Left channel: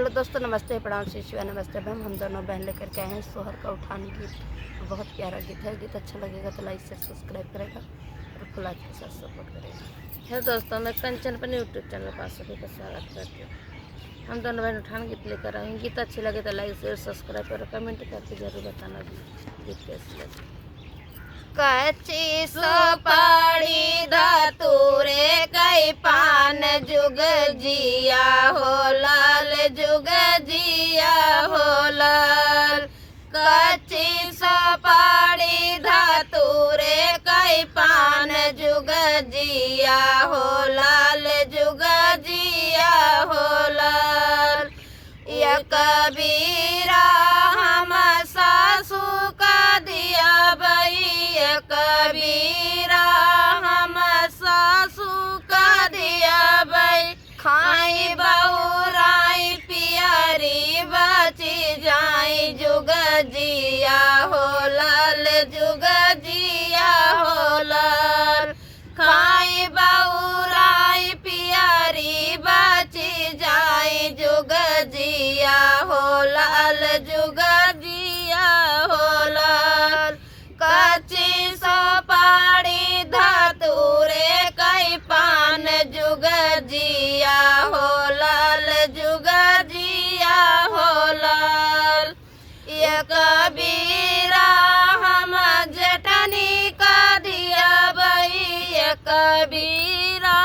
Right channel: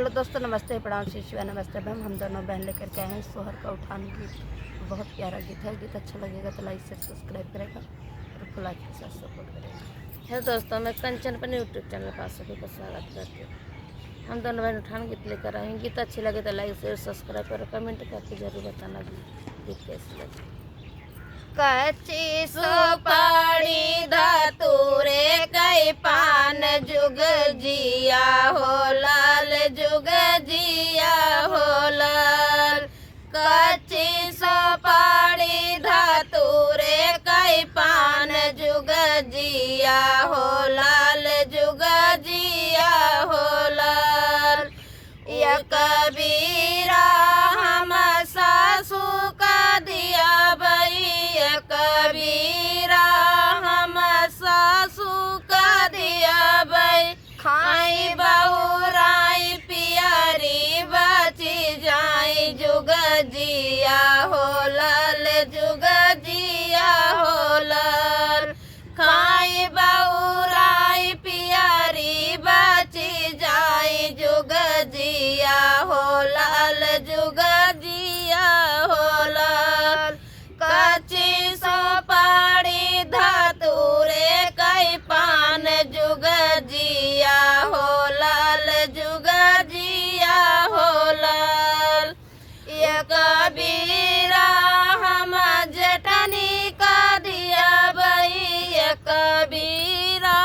Hello दोस्तों, नमस्ते, प्रणाम, शिशुआ, नमस्ते बहन। हम दोनों बहन लेकर के आए हैं सोहर का उठान गीत। बहुत प्यारा गीत है। गीत अच्छा लगेगा तो लाइक शेयर सब्सक्राइब करेगा और फुल लाइक के साथ सपोर्ट करेगा। हेलो दोस्तों, मैं कंचन पर यूट्यूब चैनल पर सभी का स्वागत करती हूँ। हम दोनों बहन उठान गीत लेकर आए हैं। गीत अच्छी लगे तो लाइक शेयर सब्सक्राइब और कमेंट करके जरूर बताना गीत कैसी लगे। कच्ची सुपारी धतूरे कई पान जुग जिया हो लाल, जुग जिया हो लाल। कच्ची सुपारी धतूरे कई पान जुग जिया हो लाल, जुग जिया हो लाल। ये कबीरा हम सासू का दिया बई, कबीरा हम सासू का दिया बई। खाई बहुराई पियरी बची जाई, जुग जिया हो लाल, जुग जिया हो लाल। खाई बहुराई पियरी बची जाई, जुग जिया हो लाल, जुग जिया हो लाल। कच्ची सुपारी धतूरे कई पान जुग जिया हो लाल, जुग जिया हो लाल। ये कबीरा हम जटनी का दिया बई, ये कबीरा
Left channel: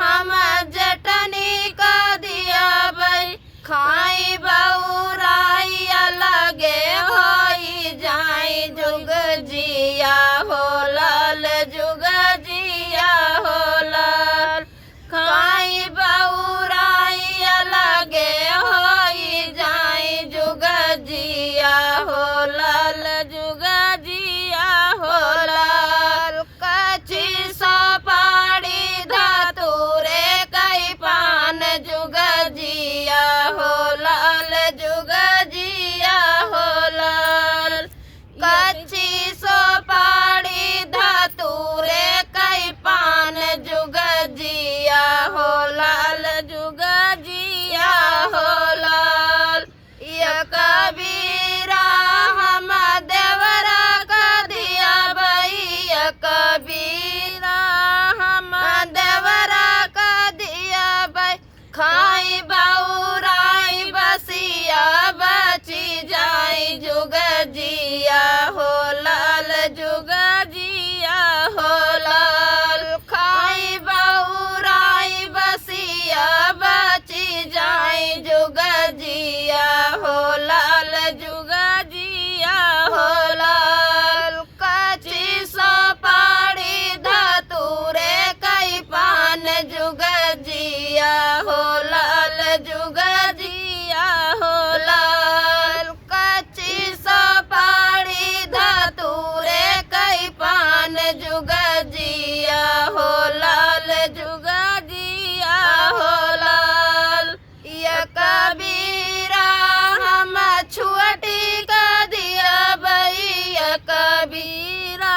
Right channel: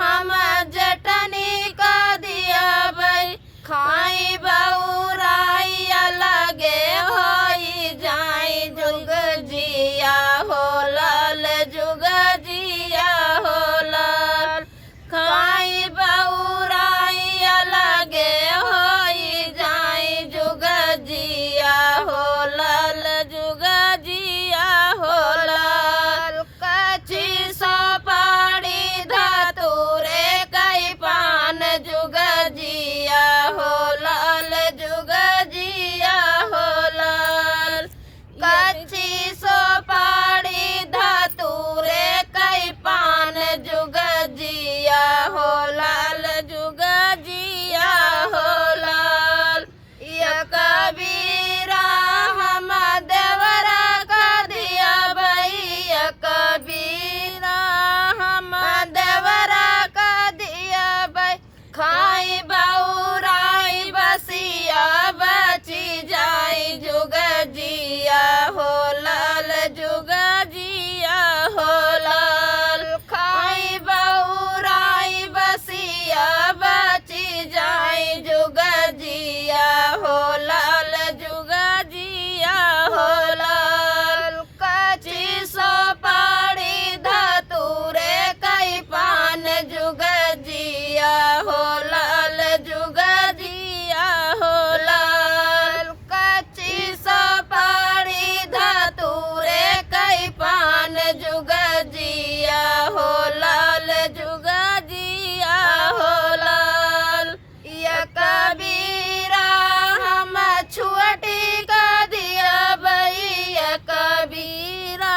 हम जटनी का दिया बई। खाई बहुराई अलगे होई जाई, जुग जिया हो लाल, जुग जिया हो लाल। खाई बहुराई अलगे होई जाई, जुग जिया हो लाल, जुग जिया हो लाल। कच्ची सुपारी धतूरे कई पान जुग जिया हो लाल, जुग जिया हो लाल। कच्ची सुपारी धतूरे कई पान जुग जिया हो लाल, जुग जिया हो लाल। ये कबीरा हम देवरा का दिया बई, ये कबीरा हम देवरा का दिया बई। खाई बहुराई बसिया बची जाई, जुग जिया हो लाल, जुग जिया हो लाल। खाई बहुराई बसिया बची जाई, जुग जिया हो लाल, जुग जिया हो लाल। कच्ची सुपारी धतूरे कई पान जुग जिया हो लाल, जुग जिया हो लाल। कच्ची सुपारी धतूरे कई पान जुग जिया हो लाल, जुग जिया हो लाल। ये कबीरा हम छुअटी का दिया बई, ये कबीरा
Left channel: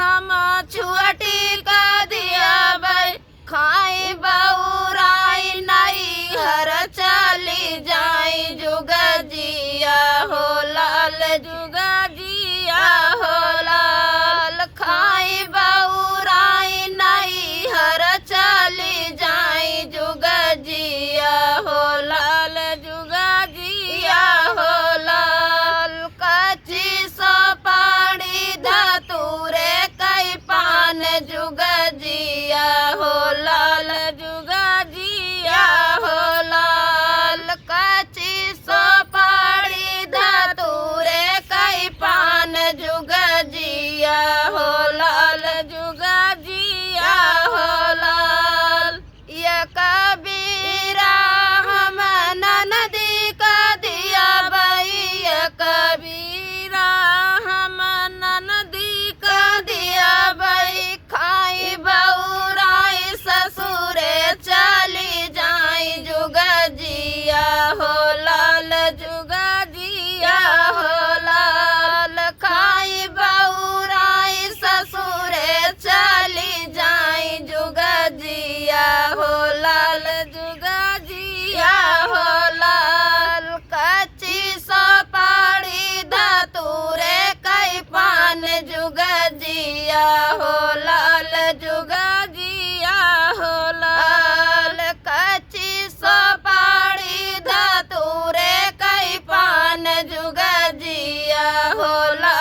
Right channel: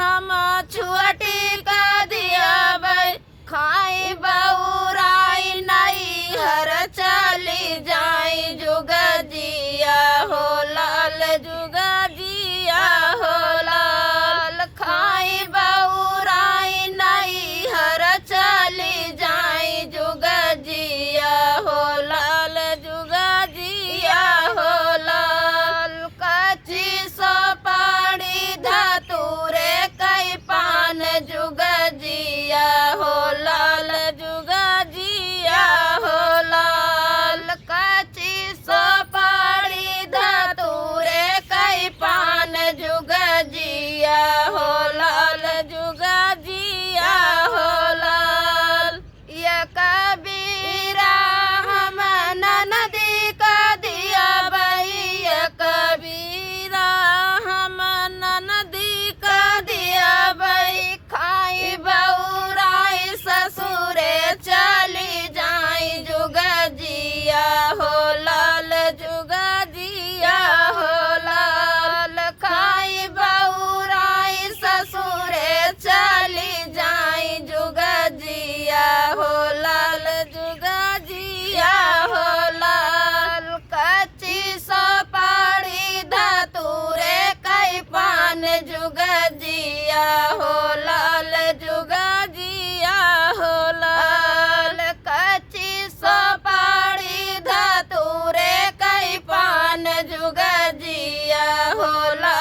हम छुअटी का दिया बई। खाई बहुराई नहीं हर चली जाई, जुग जिया हो लाल, जुग जिया हो लाल। खाई बहुराई नहीं हर चली जाई, जुग जिया हो लाल, जुग जिया हो लाल। कच्ची सुपारी धतूरे कई पान जुग जिया हो लाल, जुग जिया हो लाल। कच्ची सुपारी धतूरे कई पान जुगा जिया हो लाल जुगा जिया हो लाल कच्ची सुपारी धतूरे कई पान जुगा जिया हो लाल